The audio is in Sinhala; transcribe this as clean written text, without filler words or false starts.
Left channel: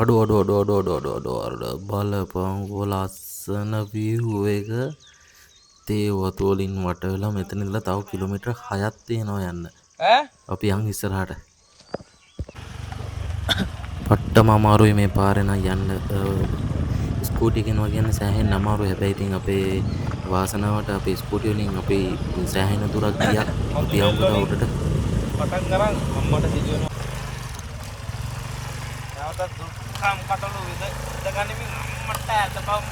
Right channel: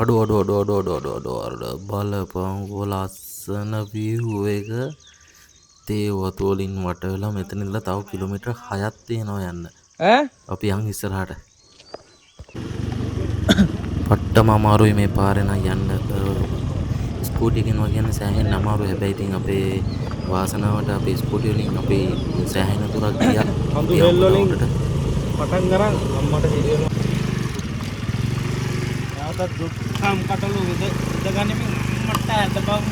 අඩු බලපං ලස්සන view එක තේ වතු වලින් වට වෙලා මෙතන ඉඳලා තව කිලෝමීටර් 6ක් තියෙනවා යන්න. අපි යන් ඉස්සරහට. පට්ටම අමාරුයි මේ පාරේ නම් යන්න. ස්කූටි එකෙන් වගේන්න සෑහෙන අමාරුයි. හැබැයි ඉතින් අපේ වාසනාවට අපේ ස්කූටි වලින් අපි සෑහෙන දුරක් ගියා. අපි යමුකෝ තව උඩට. පටන් ගන්න අම්මට හිරේනවා. නැවතත් දුක්ඛම් කටළු විද ගන්නේ මට අද බම්